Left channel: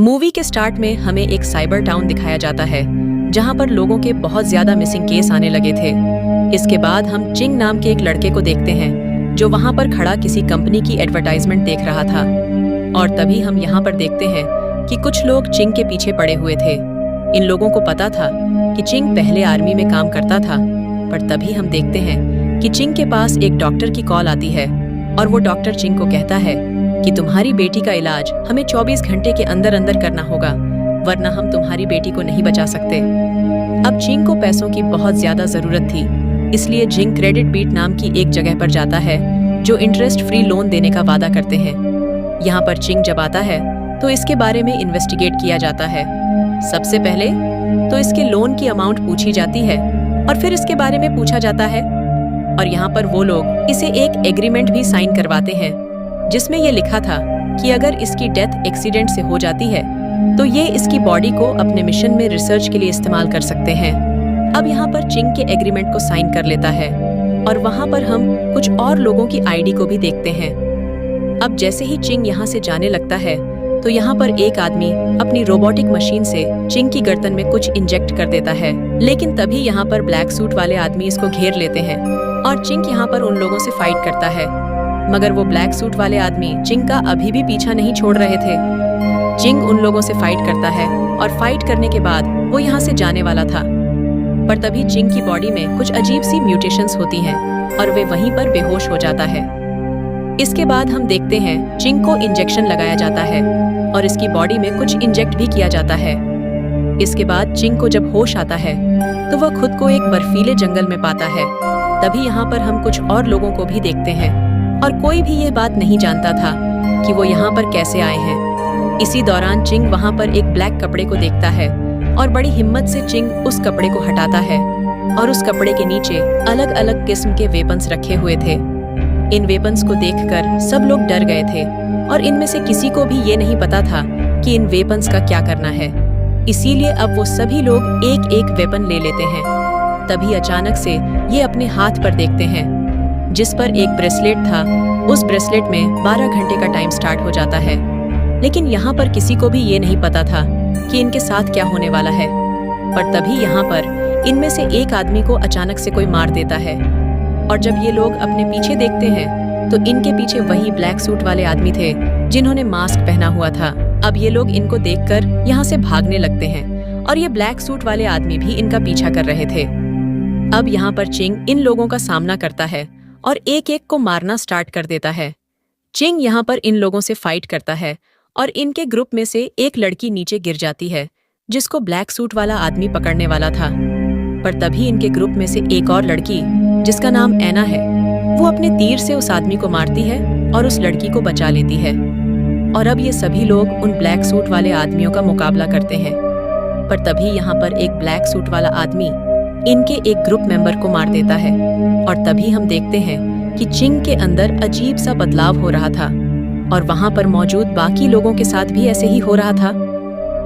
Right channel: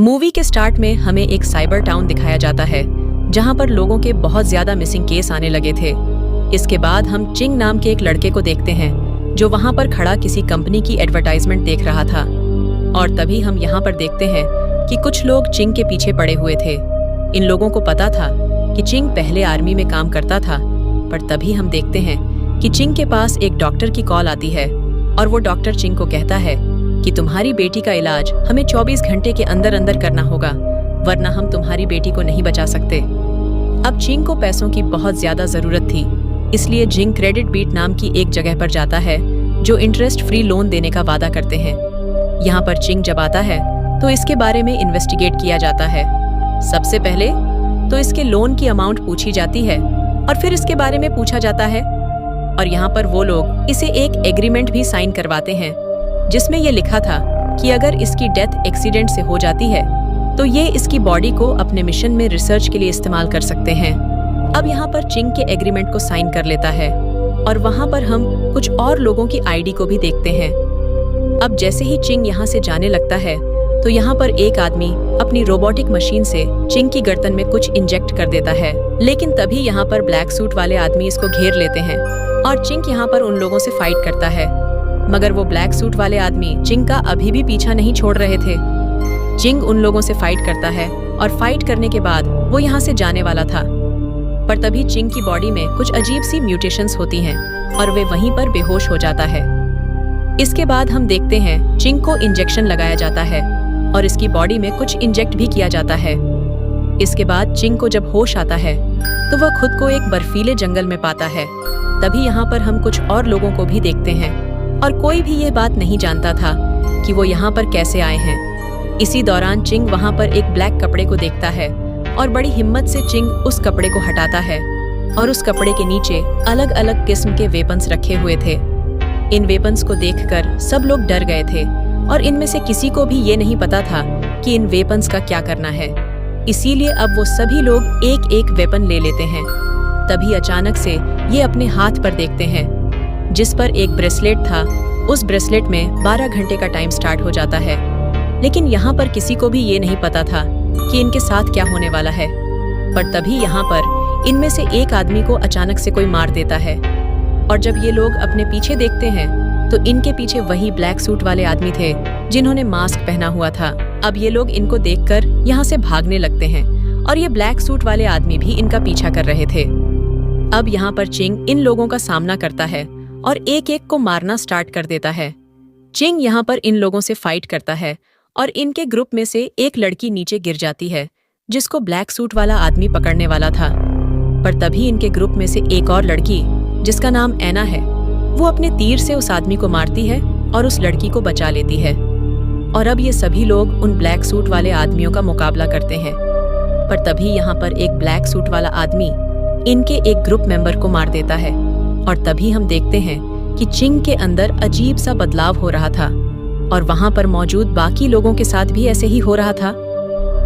Movie के start में हमें एक साइबर टाउन दिखाया जाता है जहां पर लोगों के बहुत ज्यादा मिसिंग केस आने लगे थे। इसके बाद हम चिंग नाम के एक लड़के को देखते हैं जो वहां पर खड़ा किसी कंपनी की एडवर्टाइजमेंट देख रहा था। और तभी हम यहाँ पर देखते हैं कि कुछ लोग चिंग के पीछे पड़े हुए थे। इन लोगों को पता था कि चिंग पहले आर्मी में काम करता था, पर तभी हम देखते हैं कि चिंग के पास एक डॉक्टर की कॉल आती है और वो डॉक्टर चिंग को कहता है कि तुम्हारी बेटी का इलाज हमें 24 घंटे के अंदर अंदर करना होगा, वरना हम तुम्हारी बेटी को नहीं बचा सकते। अब चिंग को पैसों की बहुत ज्यादा जरूरत थी, इसलिए चिंग क्रेडिट बीट नाम की एक जगह पर जाता है जो इंटरेस्ट फ्री लोन देने का वादा करते हैं। यहाँ पर चिंग जब आता है तो इसके बारे में इन्वेस्टिगेट किया जाता है। सबसे पहले तो इसके लोन की अमाउंट पूछी जाती है और फिर इसके बारे में पूछा जाता है, और यहाँ पर वो लोग इसे एक एग्रीमेंट भी साइन करवाते हैं जिसमें ये लिखा था कि अगर इसकी डेथ एक्सीडेंट से हो जाती है तो ये इसकी बॉडी को अपने मिशन में रिसर्च के लिए इस्तेमाल कर सकते हैं। अब यहाँ पर चिंग के एग्रीमेंट को साइन कर लेता है और वहाँ पर हम कुछ और लोगों की आईडी को भी देखते हैं। अब जैसे ही चिंग यहाँ से जाने लगता है तो यहाँ पर एक आदमी अपनी रोबोटिक मशीन से चिंग की गर्दन में कुछ इंजेक्ट कर देता है, लेकिन तभी यहाँ पर ब्लैक सूट वाले आदमी इसको घेर लेते हैं और चिंग यहाँ पर उन लोगों से फाइट करता है। मगर वो ब्लैक सूट वाले आदमी चिंग का अभी भी पीछा नहीं छोड़ रहे थे। चिंग उन लोगों से फाइट करता है और फाइट करने के बाद वो यहाँ से जाने वाला था, पर तभी चिंग की बॉडी में कुछ अजीब सी म्यूटेशंस होती हैं और वे वहीं पर बेहोश हो जाता है। इसके बाद हम देखते हैं चिंग को इंजेक्शन लगाया जाता है और इसकी बॉडी में कुछ इंजेक्ट भी किया जाता है। इसके बाद चिंग को जब होश आता है तो वह खुद को एक बर्फीले जंगल में पाता है। तभी यहाँ पर हम कुछ और लोगों को भी देखते हैं और कोई भी ये बात नहीं जानता था कि वो यहाँ पर कैसे आए हैं। इसी दौरान चिंग वहाँ पर एक ब्लैक कपड़े को देखता है और बड़ी हिम्मत से चिंग उस कपड़े को हटाता है और उस कपड़े के नीचे अलग अलग किस्म के वेपन्स रखे हुए थे। इन वेपन्स को देखकर सब लोग डर गए थे और इनमें से किसी को भी ये नहीं पता था कि इन वेपन्स का क्या करना है। इसीलिए अब वो सभी लोग एक एक वेपन ले लेते हैं। तभी अचानक से ये अपने हाथ पर देखते हैं जिस पर एक ब्रेसलेट था। उस ब्रेसलेट में 12 घंटे का टाइम स्टार्ट हो जाता है, लेकिन यहाँ पर किसी को भी ये नहीं पता था कि इनके साथ क्या होने वाला है। पर तभी यहाँ पर इनमें से एक आदमी को अचानक से कोई मार देता है और जब ये लोग अपने पीछे देखते हैं तो इनके पीछे वही ब्लैक सूट वाले आदमी थे जिन्होंने मास्क पहना हुआ था। अब ये लोग इनको देखकर यहाँ से भागने लगते हैं और ये ब्लैक सूट वाले आदमी भी इनका पीछा कर रहे थे। अब यहाँ पर चिंग इन लोगों का सामना करता है और एक एक को मारना स्टार्ट कर देता है। चिंग यहाँ पर इन लोगों से फाइट करता है और इनके ग्रुप में से एक लड़की नीचे गिर जाती है जिसको ब्लैक सूट वाला आदमी पकड़ने वाला था। पर तभी इनके ग्रुप में से एक और लड़की जिसका नाम एना है, वो अपने तीर से उस आदमी को मारती है और उस लड़की को बचा लेती है। और अब ये सभी लोग उन ब्लैक सूट वाले आदमियों का मुकाबला करते हैं। पर तभी यहाँ पर एक ब्लैक सूट वाला आदमी इनके एक ग्रुप मेंबर को मार देता है और तभी हम देखते हैं कि चिंग के अंदर अजीब सा बदलाव हो रहा था और वहां पर मौजूद बाकी लोगों के साथ भी ऐसे ही हो रहा था।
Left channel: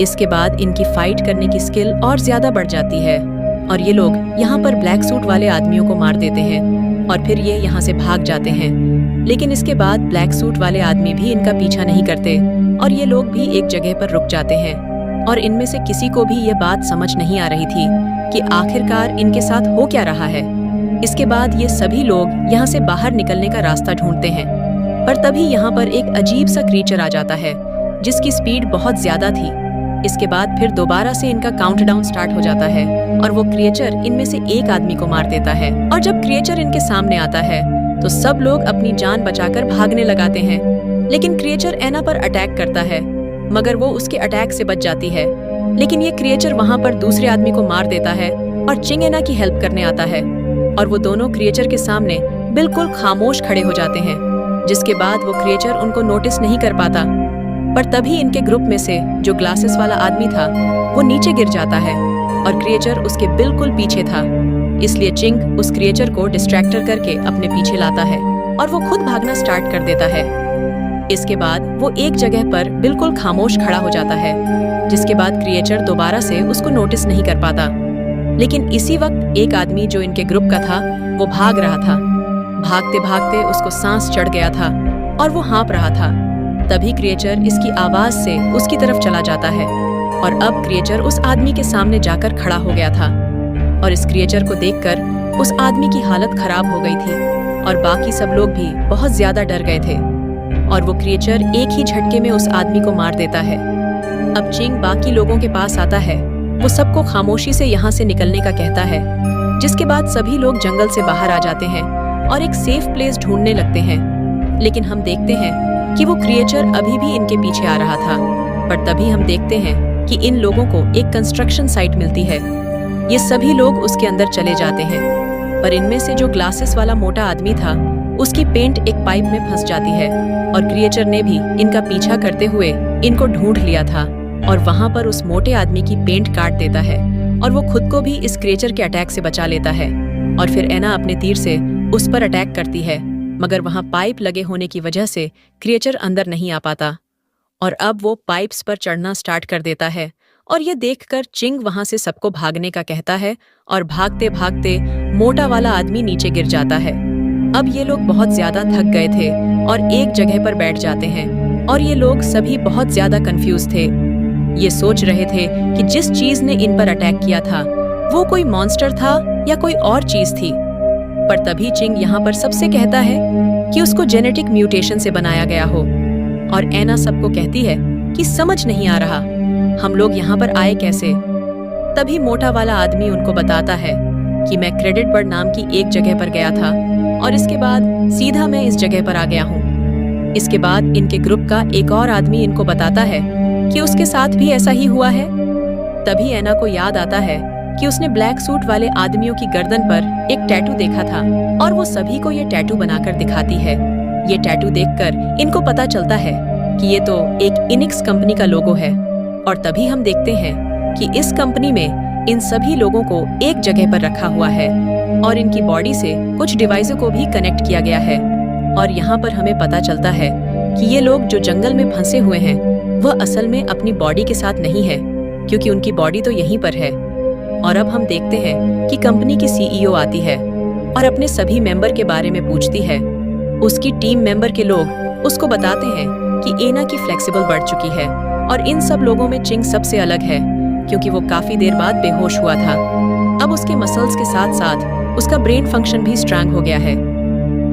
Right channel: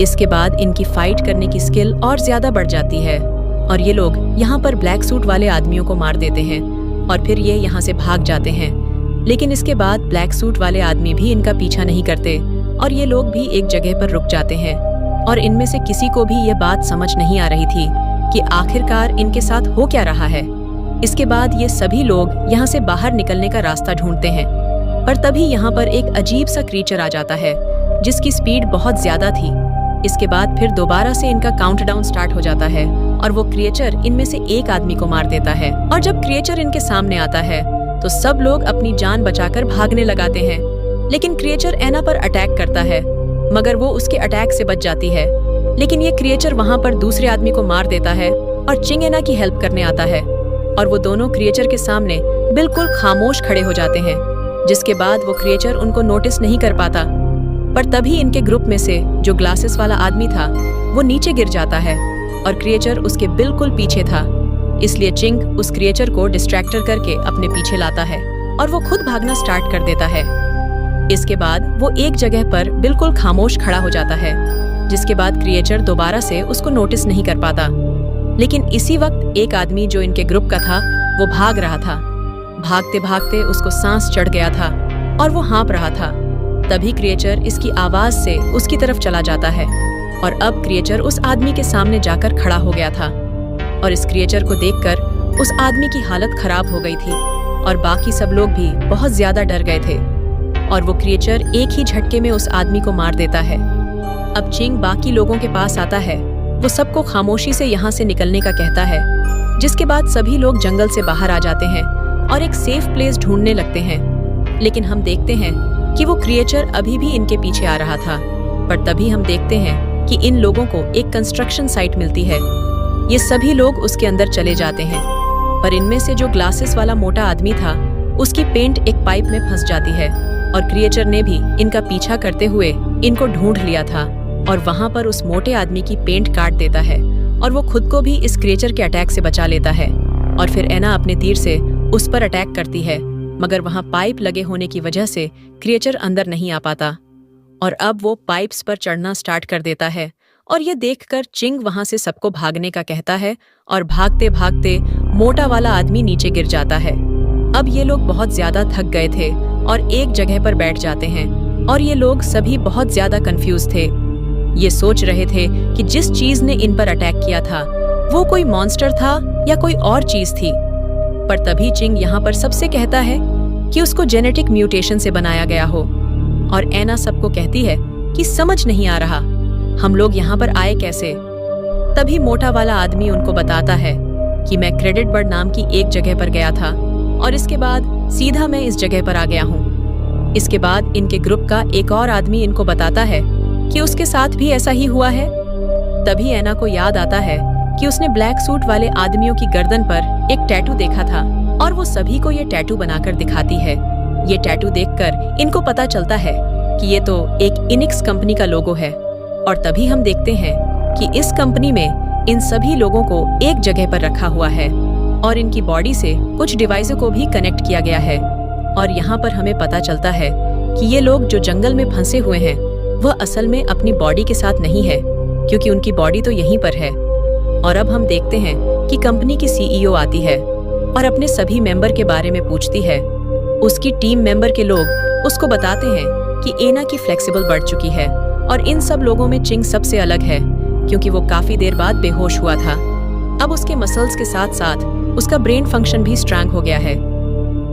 इसके बाद इनकी फाइट करने की स्किल और ज्यादा बढ़ जाती है और ये लोग यहाँ पर ब्लैक सूट वाले आदमियों को मार देते हैं और फिर ये यहाँ से भाग जाते हैं। लेकिन इसके बाद ब्लैक सूट वाले आदमी भी इनका पीछा नहीं करते और ये लोग भी एक जगह पर रुक जाते हैं और इनमें से किसी को भी ये बात समझ नहीं आ रही थी कि आखिरकार इनके साथ हो क्या रहा है। इसके बाद ये सभी लोग यहाँ से बाहर निकलने का रास्ता ढूंढते हैं, पर तभी यहाँ पर एक अजीब सा क्रीचर आ जाता है जिसकी स्पीड बहुत ज्यादा थी। इसके बाद फिर दोबारा से इनका काउंटडाउन स्टार्ट हो जाता है और वो क्रिएचर इनमें से एक आदमी को मार देता है। और जब क्रिएचर इनके सामने आता है तो सब लोग अपनी जान बचाकर भागने लगाते हैं, लेकिन क्रिएचर एना पर अटैक करता है मगर वो उसके अटैक से बच जाती है। लेकिन ये क्रिएचर वहाँ पर दूसरे आदमी को मार देता है और चिंग एना की हेल्प करने आता है और वो दोनों क्रिएचर के सामने बिल्कुल खामोश खड़े हो जाते हैं, जिसके बाद वो क्रिएचर उनको नोटिस नहीं कर पाता। पर तभी इनके ग्रुप में से जो ग्लासेस वाला आदमी था वो नीचे गिर जाता है और क्रिएचर उसके बिल्कुल पीछे था। इसलिए चिंग उस क्रिएचर को डिस्ट्रैक्टर करके अपने पीछे लाता है और वो खुद भागना स्टार्ट कर देता है। इसके बाद वो एक जगह पर बिल्कुल खामोश खड़ा हो जाता है, जिसके बाद क्रिएचर दोबारा से उसको नोटिस नहीं कर पाता। लेकिन इसी वक्त एक आदमी जो इनके ग्रुप का था वो भाग रहा था। भागते भागते उसको सांस चढ़ गया था और वो हाँफ रहा था। तभी क्रिएचर इसकी आवाज से उसकी तरफ चला जाता है और अब क्रिएचर उस आदमी के सामने जाकर खड़ा हो गया था और इस क्रिएचर को देखकर उस आदमी की हालत खराब हो गई थी और बाकी सब लोग भी बहुत ज्यादा डर गए थे और वो क्रिएचर एक ही झटके में उस आदमी को मार देता है। अब चिंग बाकी लोगों के पास आता है, वो सबको खामोशी से यहाँ से निकलने का कहता है, जिसके बाद सभी लोग जंगल से बाहर आ जाते हैं और एक सेफ प्लेस ढूंढने लगते हैं। लेकिन हम देखते हैं कि वो क्रिएचर अभी भी इनके पीछे आ रहा था, पर तभी हम देखते हैं कि इन लोगों को एक कंस्ट्रक्शन साइट मिलती है। ये सभी लोग उसके अंदर चले जाते हैं, पर इनमें से जो ग्लासेस वाला मोटा आदमी था उसकी पेंट एक पाइप में फंस जाती है और क्रिएचर ने भी इनका पीछा करते हुए इनको ढूंढ लिया था और वहां पर उस मोटे आदमी की पेंट काट देता है और वो खुद को भी इस क्रिएचर के अटैक से बचा लेता है। और फिर एना अपने तीर से उस पर अटैक करती है, मगर वहां पाइप लगे होने की वजह से क्रिएचर अंदर नहीं आ पाता और अब वो पाइप्स पर चढ़ना स्टार्ट कर देता है और ये देखकर चिंग वहां से सबको भागने का कहता है और भागते भागते मोटा वाला आदमी नीचे गिर जाता है। अब ये लोग बहुत ज्यादा थक गए थे और एक जगह पर बैठ जाते हैं और ये लोग सभी बहुत ज्यादा कंफ्यूज थे। ये सोच रहे थे कि जिस चीज ने इन पर अटैक किया था वो कोई मॉन्स्टर था या कोई और चीज थी। पर तभी चिंग यहाँ पर सबसे कहता है कि उसको जेनेटिक म्यूटेशन से बनाया गया हो और एना सबको कहती है कि समझ नहीं आ रहा हम लोग यहाँ पर आए कैसे। तभी मोटा वाला आदमी उनको बताता है कि मैं क्रेडिट बर्ड नाम की एक जगह पर गया था और इसके बाद सीधा मैं इस जगह पर आ गया हूँ। इसके बाद इनके ग्रुप का एक और आदमी इनको बताता है कि उसके साथ भी ऐसा ही हुआ है। तभी एना को याद आता है कि उसने ब्लैक सूट वाले आदमियों की गर्दन पर एक टैटू देखा था और वो सभी को ये टैटू बनाकर दिखाती है। ये टैटू देखकर इनको पता चलता है कि ये तो एक इनिक्स कंपनी का लोगो है और तभी हम देखते हैं कि इस कंपनी में इन सभी लोगों को एक जगह पर रखा हुआ है और इनकी बॉडी से कुछ डिवाइसों को भी कनेक्ट किया गया है। और यहाँ पर हमें पता चलता है कि ये लोग जो जंगल में फंसे हुए हैं वह असल में अपनी बॉडी के साथ नहीं है, क्योंकि उनकी बॉडी तो यहीं पर है। और अब हम देखते हैं कि कंपनी की सीईओ आती है और अपने सभी मेंबर के बारे में पूछती है। उसकी टीम मेंबर के लोग उसको बताते हैं कि एना की फ्लेक्सिबल बढ़ चुकी है और इन सब लोगों में चिंग सबसे अलग है, क्योंकि वो काफी देर बाद बेहोश हुआ था। अब उसके मसल्स के साथ साथ उसका ब्रेन फंक्शन भी स्ट्रांग हो गया है।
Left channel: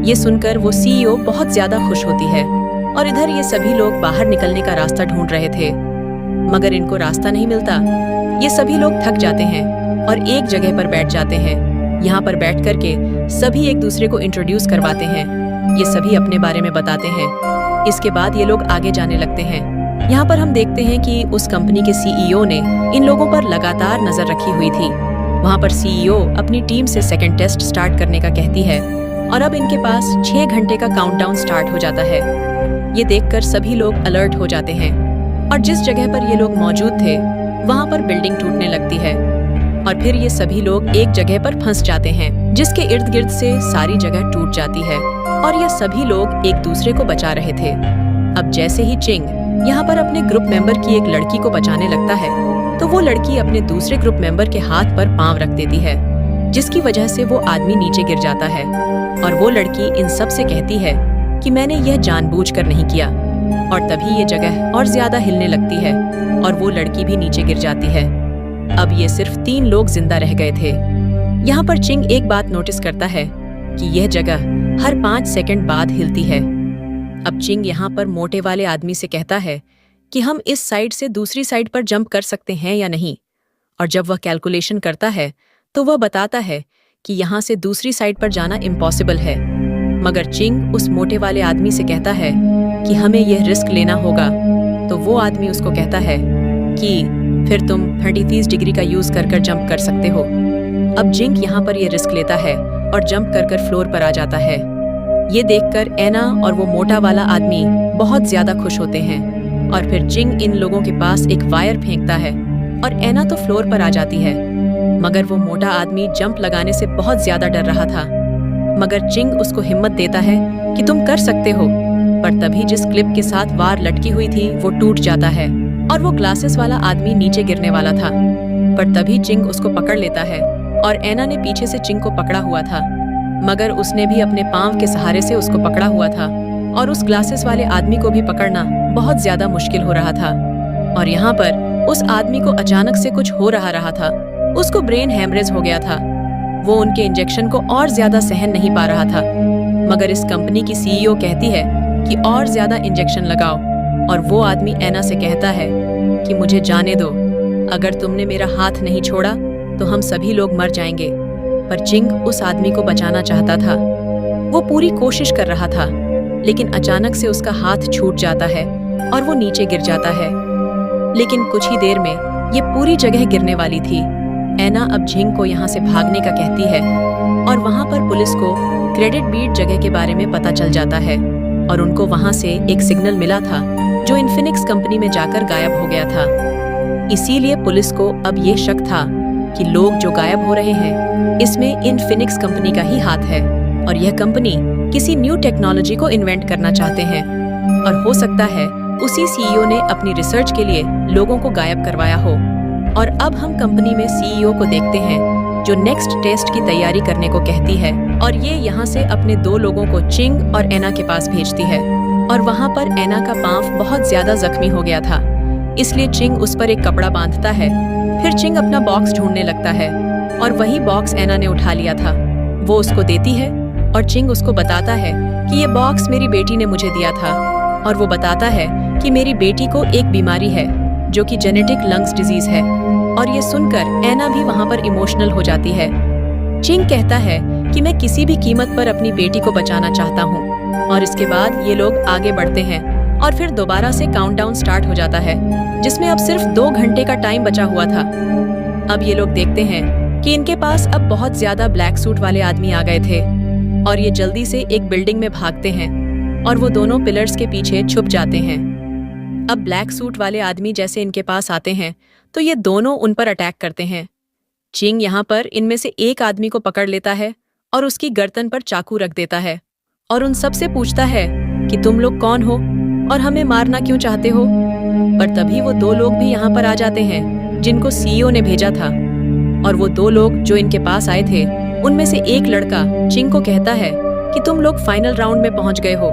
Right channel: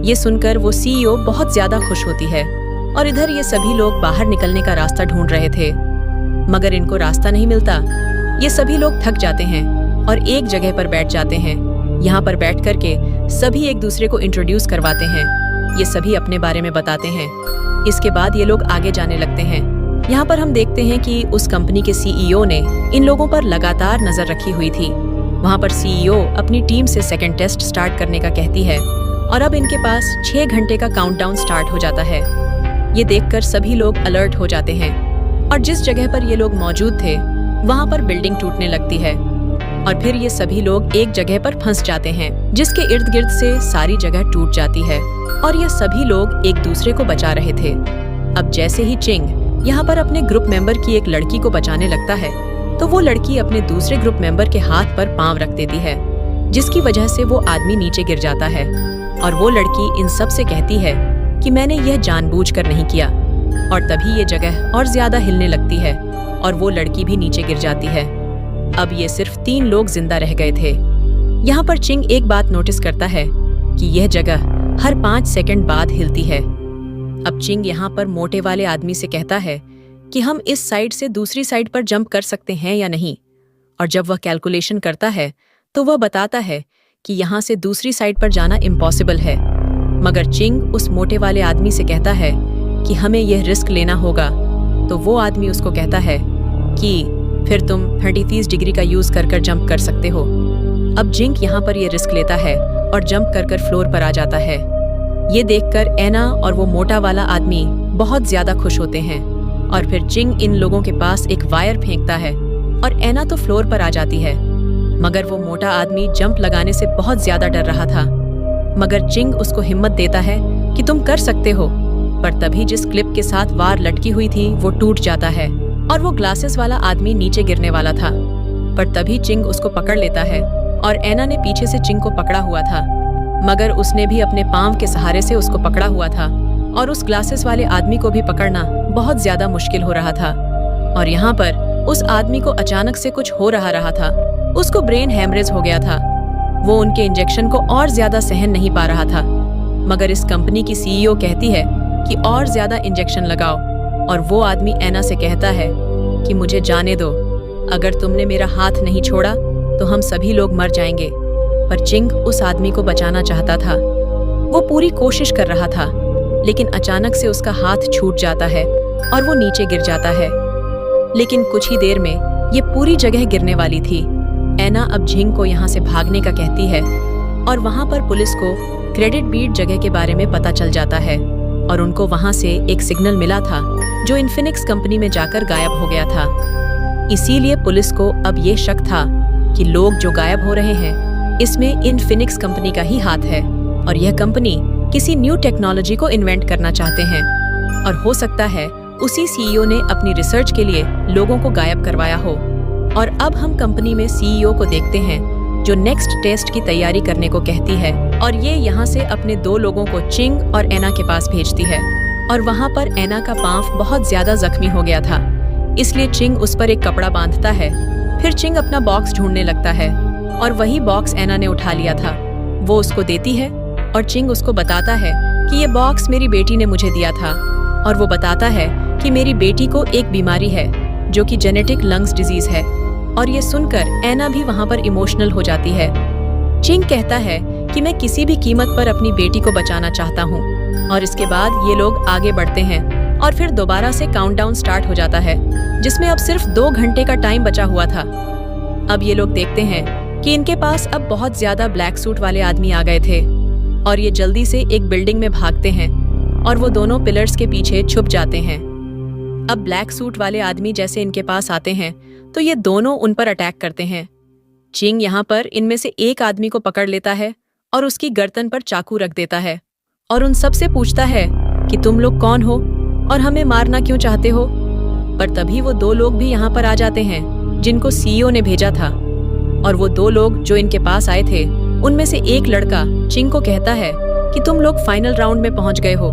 ये सुनकर वो सीईओ बहुत ज्यादा खुश होती है और इधर ये सभी लोग बाहर निकलने का रास्ता ढूंढ रहे थे, मगर इनको रास्ता नहीं मिलता। ये सभी लोग थक जाते हैं और एक जगह पर बैठ जाते हैं। यहाँ पर बैठ करके सभी एक दूसरे को इंट्रोड्यूस करवाते हैं। ये सभी अपने बारे में बताते हैं। इसके बाद ये लोग आगे जाने लगते हैं। यहाँ पर हम देखते हैं कि उस कंपनी के सीईओ ने इन लोगों पर लगातार नजर रखी हुई थी। वहाँ पर सीईओ अपनी टीम से सेकंड टेस्ट स्टार्ट करने का कहती है और अब इनके पास 6 घंटे का काउंटडाउन स्टार्ट हो जाता है। ये देखकर सभी लोग अलर्ट हो जाते हैं और जिस जगह पर ये लोग मौजूद थे वहाँ पर बिल्डिंग टूटने लगती है और फिर ये सभी लोग एक जगह पर फंस जाते हैं, जिसके इर्द गिर्द से सारी जगह टूट जाती है और ये सभी लोग एक दूसरे को बचा रहे थे। अब जैसे ही चिंग यहाँ पर अपने ग्रुप मेंबर की एक लड़की को बचाने लगता है तो वो लड़की अपने दूसरे ग्रुप मेंबर के हाथ पर पांव रख देती है, जिसकी वजह से वो आदमी नीचे गिर जाता है और वो लड़की इन सब से कहती है कि मैंने यह जानबूझकर नहीं किया। और तभी ये जगह और ज्यादा हिलने लगती है और वो लड़की भी नीचे गिर जाती है। अब ये सिर्फ 3 लोग जिंदा रह गए थे। यहाँ पर चिंग एक बात नोटिस करता है कि यह जगह हर 5 सेकंड बाद हिलती है। अब चिंग यहाँ पर मोटे वाले आदमी से कहता है कि हम इस साइड से दूसरी साइड पर जंप कर सकते हैं या नहीं। और जब वह कैलकुलेशन करता है तो वह बताता है कि यहाँ से दूसरी साइड पर जाना इम्पॉसिबल है। मगर चिंग उस मोटे वाले आदमी से कहता है कि हमें यह रिस्क लेना होगा। तो वो आदमी उसको कहता है कि फिर तुम 30 डिग्री का यूज कर जंप कर सकते हो। अब जिंक यहाँ पर यह रिस्क लेता है और जंप कर फ्लोर पर आ जाता है। ये देखकर एना और वो मोटा वाला आदमी बहुत ज्यादा खुश होते हैं और फिर चिंग इन लोगों के पास एक वायर फेंकता है और एना तो फ्लोर पर आ जाती है। मगर वो मोटा आदमी जंप लगाने से बहुत ज्यादा डर रहा था, मगर चिंग उसको हिम्मत देता है कि तुम कर सकते हो। पर तभी जिस क्लिप के साथ वार लटकी हुई थी वो टूट जाता है और वो ग्लासेस वाला आदमी नीचे गिरने वाला था। पर तभी चिंग उसको पकड़ लेता है और एना ने पीछे से चिंग को पकड़ा हुआ था, मगर उसने भी अपने पांव के सहारे से उसको पकड़ा हुआ था और उस ग्लासेस वाले आदमी को भी पकड़ना बहुत ज्यादा मुश्किल हो रहा था। और यहाँ पर उस आदमी को अचानक से कुछ हो रहा था। उसको ब्रेन हैमरेज हो गया था। वो उनके इंजेक्शन को और ज्यादा सहन नहीं पा रहा था। मगर इस कंपनी की सीईओ कहती है कि और ज्यादा इंजेक्शन लगाओ, और वो आदमी एना से कहता है कि मुझे जाने दो, अगर तुमने मेरा हाथ नहीं छोड़ा तो हम सभी लोग मर जाएंगे। पर चिंग उस आदमी को बचाना चाहता था। वो पूरी कोशिश कर रहा था, लेकिन अचानक से उसका हाथ छूट जाता है और वो नीचे गिर जाता है। लेकिन कुछ ही देर में ये पूरी जगह गिरने वाली थी। एना अब झिंग को यहाँ से भागने का कहती है, और वहाँ पर पुलिस को क्रेडिट बीट जगह के बारे में पता चल जाता है, और उनको वहाँ से एक सिग्नल मिला था जो इन्फिनिक्स कंपनी में जाकर गायब हो गया था। इसीलिए पुलिस को अब ये शक था कि लोग जो गायब हो रहे हैं इसमें इन्फिनिक्स कंपनी का ही हाथ है, और यह कंपनी किसी न्यू टेक्नोलॉजी को इन्वेंट करना चाहते हैं, और हो सकता है उसी सीईओ ने अपनी रिसर्च के लिए लोगों को गायब करवाया हो। और अब हम कंपनी में सीईओ को देखते हैं जो नेक्स्ट टेस्ट की तैयारी करने को कहती है, और ये यहाँ से अपने 2 लोगों को चिंग और एना के पास भेजती है। और वहाँ पर एना का पांव बहुत ज्यादा जख्मी हो गया था, इसलिए चिंग उस पर एक कपड़ा बांधता है। फिर चिंग अपना बॉक्स ढूंढने लगता है, और वही बॉक्स एना ने उठा लिया था। वो उसको देती है, और चिंग उसको बताता है कि ये बॉक्स मेरी बेटी ने मुझे दिया था, और वो बताता है कि मेरी बेटी को एक बीमारी है जो कि जेनेटिक लंग्स डिजीज है। और ये सुनकर एना भी वहाँ पर इमोशनल हो जाती है। चिंग कहता है कि मैं किसी भी कीमत पर अपनी बेटी को बचाना चाहता हूँ। और इसके बाद ये लोग आगे बढ़ते हैं, और फिर दोबारा से काउंटडाउन स्टार्ट हो जाता है, जिसमें अब सिर्फ 2 घंटे का टाइम बचा हुआ था। अब ये लोग देखते हैं कि इनके पास अब बहुत ज्यादा ब्लैक सूट वाले आदमी आ गए थे, और ये जल्दी से एक बिल्डिंग में भागते हैं, और वो दोनों पिलर्स के पीछे छुप जाते हैं। अब ब्लैक सूट वाले आदमी जैसे इनके पास आते हैं तो ये दोनों उन पर अटैक करते हैं। चिंग यहाँ पर इनमें से एक आदमी को पकड़ लेता है और उसकी गर्दन पर चाकू रख देता है, और उन सब से पूछता है कि तुम लोग कौन हो और हमें मारना क्यों चाहते हो। पर तभी वो 2 लोग भी यहाँ पर आ जाते हैं जिनको सीईओ ने भेजा था, और वो 2 लोग जो इनके पास आए थे उनमें से एक लड़का चिंग को कहता है कि तुम लोग फाइनल राउंड में पहुंच गए हो।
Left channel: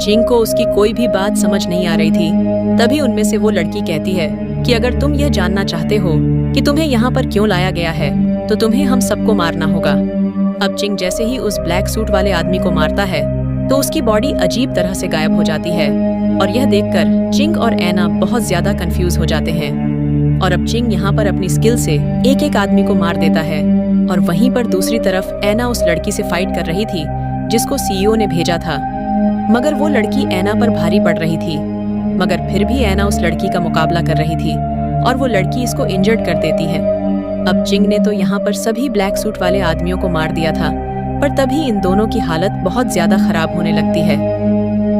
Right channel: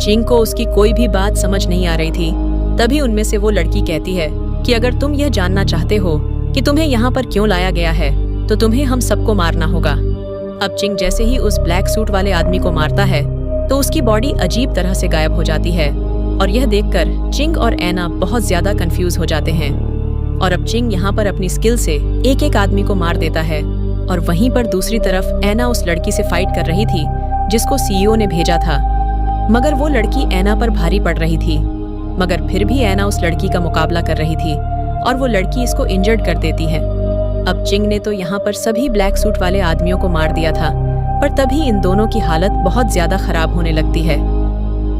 चिंग को उसकी कोई भी बात समझ नहीं आ रही थी। तभी उनमें से वो लड़की कहती है कि अगर तुम यह जानना चाहते हो कि तुम्हें यहाँ पर क्यों लाया गया है तो तुम्हें हम सबको मारना होगा। अब चिंग जैसे ही उस ब्लैक सूट वाले आदमी को मारता है तो उसकी बॉडी अजीब तरह से गायब हो जाती है, और यह देखकर चिंग और एना बहुत ज्यादा कंफ्यूज हो जाते हैं। और अब चिंग यहाँ पर अपनी स्किल से एक एक आदमी को मार देता है, और वहीं पर दूसरी तरफ एना उस लड़की से फाइट कर रही थी जिसको सीईओ ने भेजा था। मगर वो लड़की एना पर भारी पड़ रही थी, मगर फिर भी एना उस लड़की का मुकाबला कर रही थी, और वो लड़की इसको इंजर्ड कर देती है। अब चिंग ने तो यहाँ पर सभी ब्लैक सूट वाले आदमियों को मार दिया था, पर तभी इन दोनों की हालत बहुत ज्यादा खराब होने लगती है।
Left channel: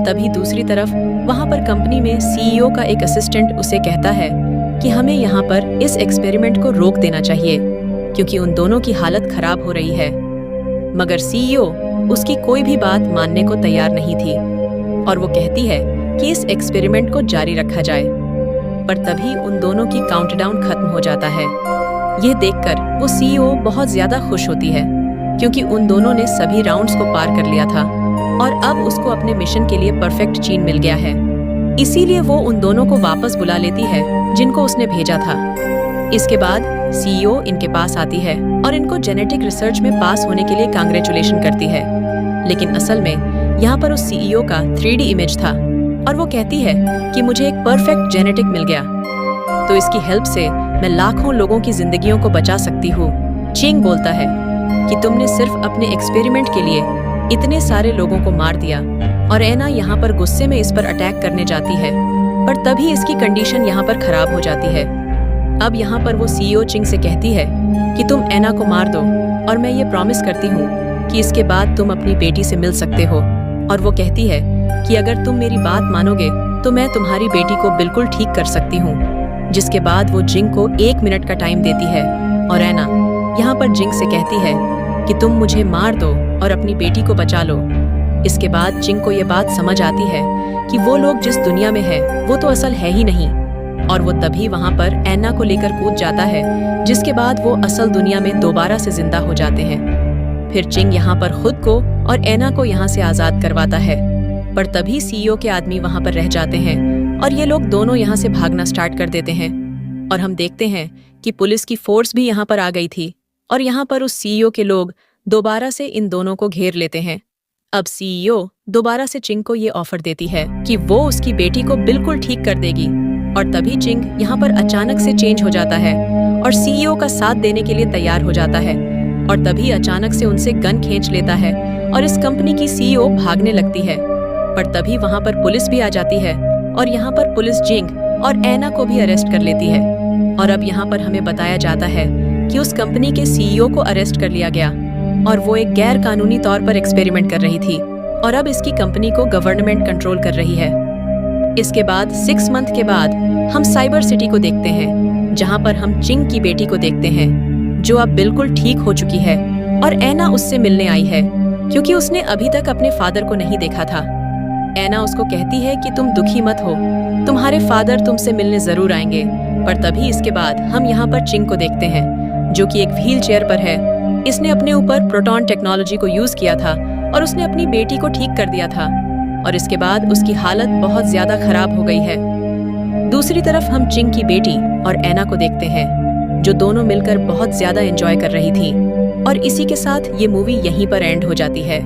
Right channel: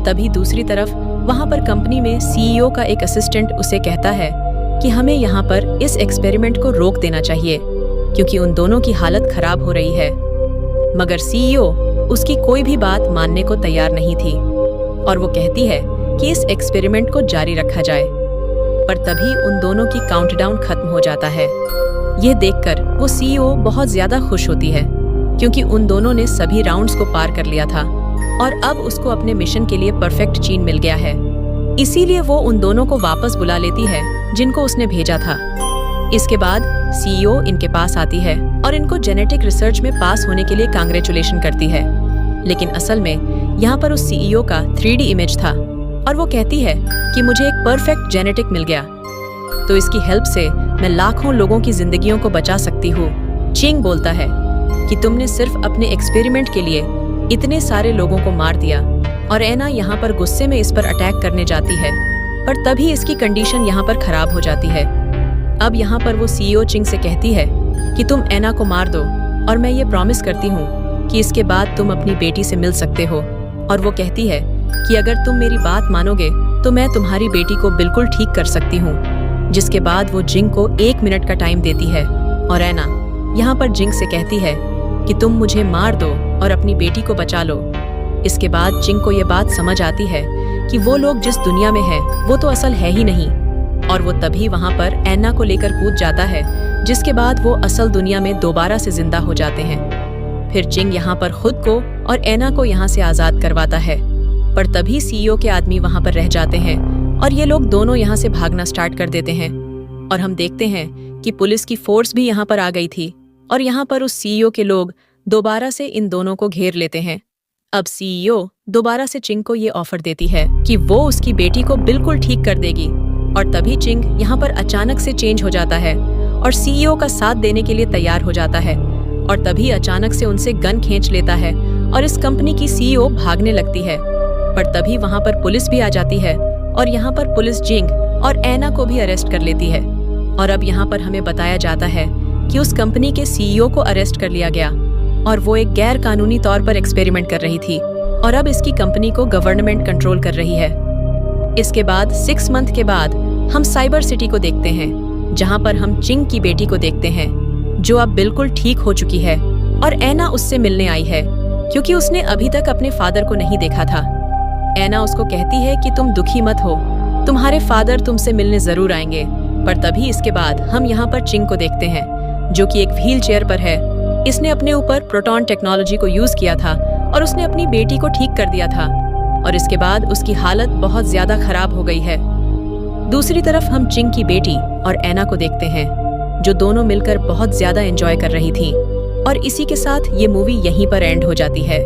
तभी दूसरी तरफ वहाँ पर कंपनी में सीईओ का एक असिस्टेंट उसे कहता है कि हमें यहाँ पर इस एक्सपेरिमेंट को रोक देना चाहिए, क्योंकि उन दोनों की हालत खराब हो रही है। मगर सीईओ उसकी कोई भी बात मानने को तैयार नहीं थी, और वो कहती है कि इस एक्सपेरिमेंट को जारी रखा जाए। पर तभी उन दोनों की काउंटडाउन खत्म हो जाता है। यह देखकर वो सीईओ बहुत ज्यादा खुश होती है, क्योंकि उन दोनों ने सभी राउंड्स को पार कर लिया था, और अब उसको अपने मिशन के लिए परफेक्ट जीन मिल गया है। इसीलिए वो उन दोनों को वापस बुला लेती है जिनको उसने भेजा था। इसके बाद सीईओ इनके पास आती है और इनको जेनेटिक रिसर्च में पास होने के लिए कांग्रेचुलेशन करती है। लेकिन असल में यहाँ पर उस सीईओ का 3D इमेज था, और वो कहती है कि मुझे एक परफेक्ट जेनेटिक मिल गया, तो इसकी हेल्प से मैं लाखों लोगों की जिंदगियों को बचा सकती हूँ। चिंग बोलता है कि तुमने सिर्फ अपने एक्सपेरिमेंट के लिए इतने सारे लोगों को मार दिया, और एना यहाँ पर गुस्से में इस पर अटैक करने जाती है, पर तभी इसकी कंडीशन यहाँ पर खराब हो जाती है। अब यहाँ पर वो सीईओ चिंग से कहती है कि तुम एना को मार दो, और मैं ये प्रॉमिस करती हूँ कि इसके बाद तुम अपनी बेटी से मिल सकते हो। और वो कहती है कि अगर तुम मेरी बात मानोगे तो मैं तुम्हारी बेटी को बिल्कुल ठीक कर सकती हूँ। जिसके बाद वो जिंग को 1 मिनट का टाइम देती है, और एना यहाँ पर जिंग से कहती है कि तुम मुझे मार दो और अपनी बेटी को बचा लो। इसके बाद जिंग को ये बात समझ आती है कि वो लोग जिस दुनिया में है वो तो असल है ही नहीं, और वो तभी वहाँ पर एना को लेकर कूद जाता है, जिसके बाद वो असल दुनिया में दोबारा से जिंदा हो जाते हैं। फिर चिंग यहाँ पर खुद को और एना को यहाँ से आजाद करवाता है। पर तभी सीईओ के आदमी वहां पर रह जाते हैं और ये लोग दोनों यहाँ से भागना स्टार्ट कर देते हैं। और हम देखते हैं कि पुलिस की फोर्स भी यहाँ पर आ गई थी और यहाँ पर उस सीईओ के लोग दोबारा से इन दोनों को घेर लेते हैं। अब सीईओ दोबारा से चिंग को ये ऑफर देती है कि वो उसकी बेटी को बिल्कुल ठीक कर देगी और तभी चिंग यहाँ पर अचानक से चेंज हो जाता है और सीईओ का साथ देने के लिए तैयार हो जाता है और तभी अचानक से उनसे गन खींच लेता है और इस कंपनी की सीईओ भागने लगती है। पर तभी वहाँ पर पुलिस भी आ जाती है और यहाँ पर पुलिस जिंग और एना को भी अरेस्ट कर लेती है। और अब यहाँ पर हमें बताया जाता है कि उस कंपनी के सीईओ को अरेस्ट कर लिया गया और वो एक गैर कानूनी तौर पर एक्सपेरिमेंट कर रही थी और अब इसकी कंपनी को गवर्नमेंट कंट्रोल कर रही है। इसके बाद 6 मंथ के बाद हम साइबर सिटी को देखते हैं, जहाँ पर हम चिंग की बेटी को देखते हैं जो अब बिल्कुल ठीक हो चुकी है और एना उससे मिलने आई है क्योंकि उसने अभी तक अपने फादर को नहीं देखा था। एना उसको कहती है कि तुम दुखी मत हो, तुम्हारे फादर तुमसे मिलने जरूर आएंगे। पर तभी इसके बाद हम यहाँ पर चिंग को देखते हैं जो कि एक व्हील चेयर पर है। इसने अपने ऊपर प्रोटॉन टेक्नोलॉजी को यूज किया था और उसने अपनी बेटी को ठीक कर दिया था और इसके बाद उसकी हालत बहुत ज्यादा खराब हो गई है। दूसरी तरफ हम चिंग की बेटी और एना को देखते हैं जो दोनों मिलकर बहुत ज्यादा एंजॉय कर रही थी और इसी के साथ ये मूवी यहीं पर एंड हो जाती है।